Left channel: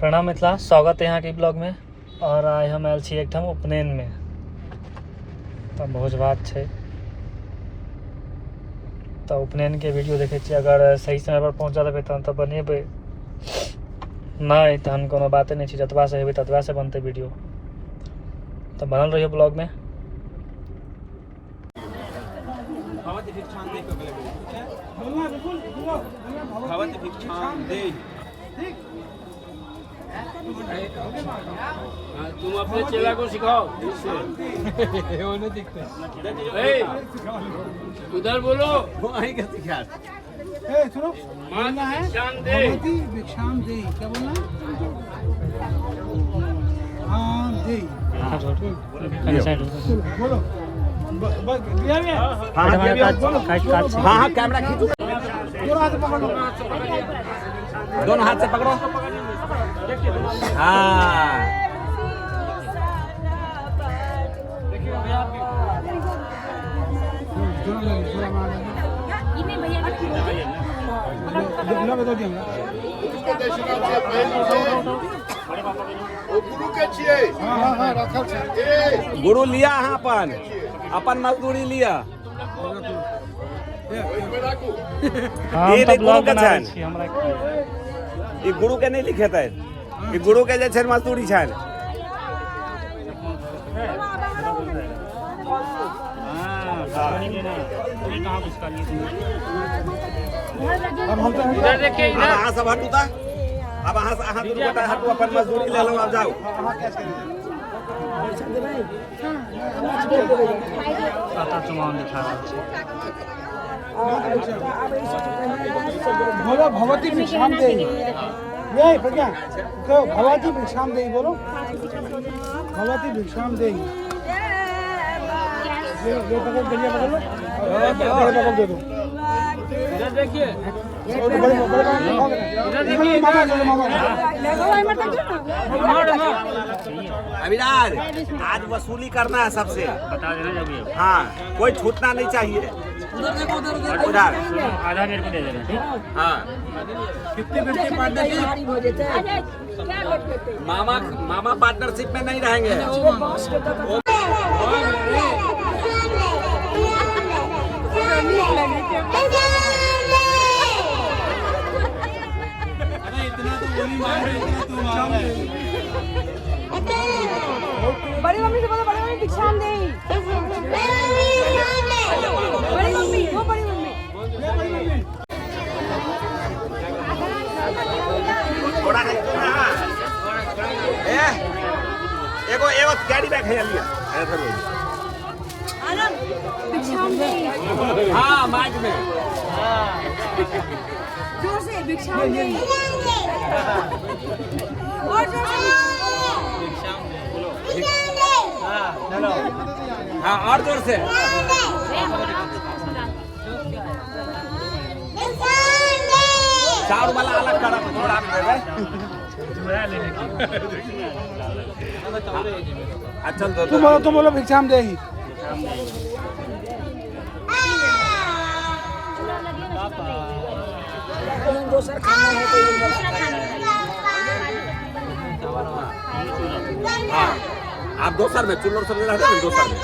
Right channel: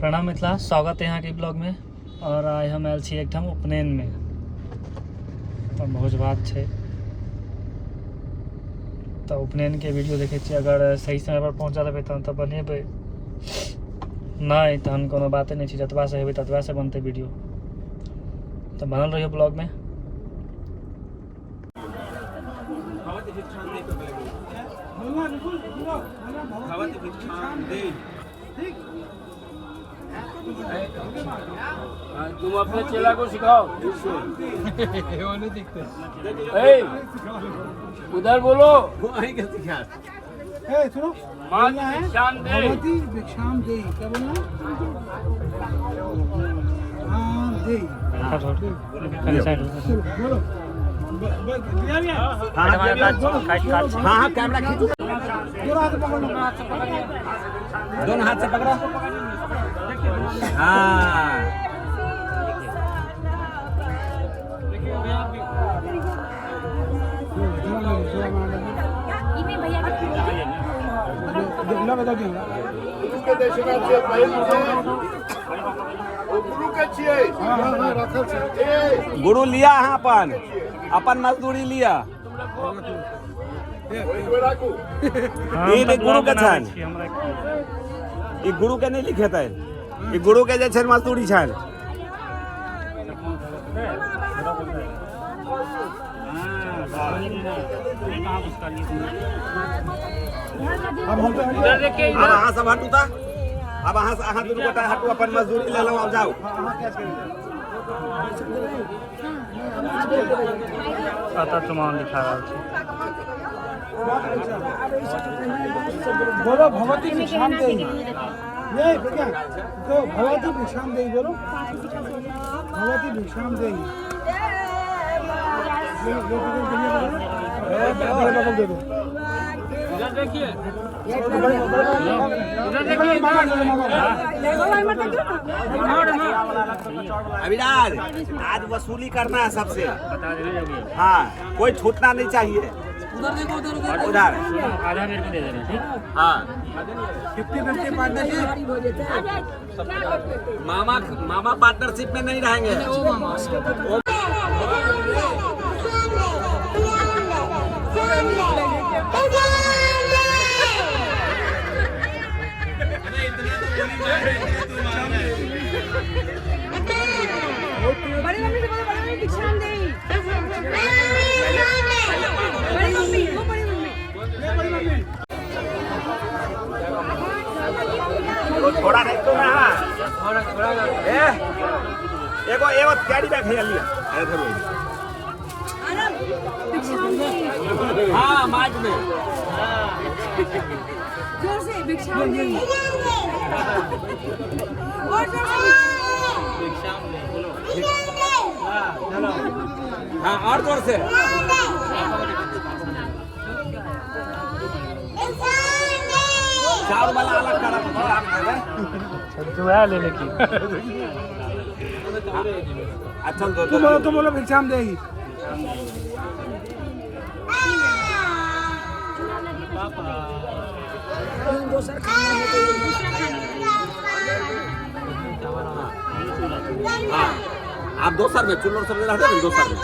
प्रणाम मिथिला, स्वागत है यहाँ के ब्लॉग में। और आइ हम आयल छी एकठाम उपनयन में, तो भोज भात छै, तो उपनयन के वीडियो देखे छी। अगर सही समय पर पहुँचा देबै तहन तो बनेबै, नहीं तहन कोनो बाते नहीं छै। जतबा से हेबै ततबा से बनते वीडियो, तो बनल रहियो ब्लॉग में। तुम अपने चेला को सिखाओ। उधर बोलो, सुनो, बोलना है भगवती भिक्षाम दे। क्या बोलना? हाँ दे। बोलो। हाँ कैमरा खींचो, दोनों हाथ से पकड़ो। हाँ गुरु लिया हाँ अपन मजदूरी लिया। ये गुरु के छन, ये गुरु के नहीं लिखे थे, ये गुरु के जे छन मजदूरी छन। अब अहाँ सब हटू ता, अब अहाँ दुनू गोटा हटू, अपन मजदूरी ले लो, अब जाओ। पता चुमान लिखा रहा है। बोलो भगवती भिक्षाम दे। नहीं प्रज्ञा, तो भगवती भिक्षाम दे बोलो। भगवती भिक्षाम दे। ये पकड़, भैया पकड़ दे दो। इधर देखिए, अभिराज आज वसूली करना है सबसे, बता देना जब ये। हाँ कोई छूटना नहीं चाहिए। उधर आधा मेरे को दे देना, ठीक? हाँ 50-50 पार्टनरशिप। मामा पार्टनरशिप में नहीं रहेंगे। बड़ी मम्मी से बोलो, बड़ी मम्मी भिक्षाम दे। बड़ी मम्मी, वो बड़ी मम्मी। थोड़ा नहीं तो एगो कैरी बैग है लिया ऐसे बोल। भिक्षाम दे। हाँ माइक में जोर से भिक्षाम दे। और जोर से भिक्षाम दे बोलो। चलो हाँ और जोर से। चार वाला अलग करा थोड़ा में ले लेके। अच्छा तुम बोलो भिक्षाम दे ही। हाँ आप दोसर में चुल्लर सब रहते हैं दोसर में।